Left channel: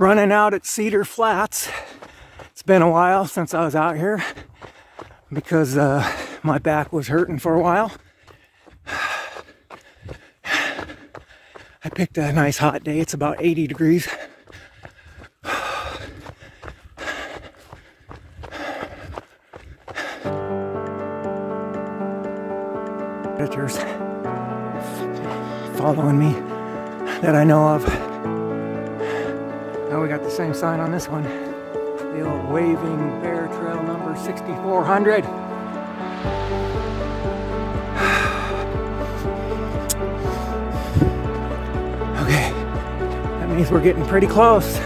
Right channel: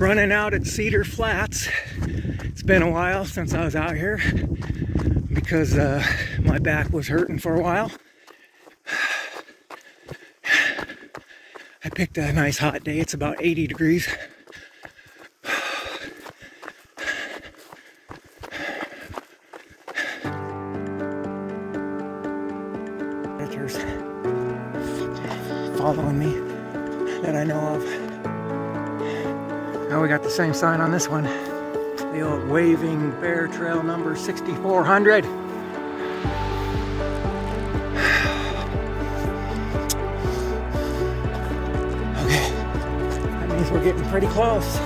Running out at Cedar Flats. It's been a while since I was out here because my back was hurting for a while. I picked a nice hot day. It's about 80 degrees. Predators following me that I know of. Now we got the same sign on this one. The old Waving Bear Trail number 6400. Okay, that means we're getting pretty close.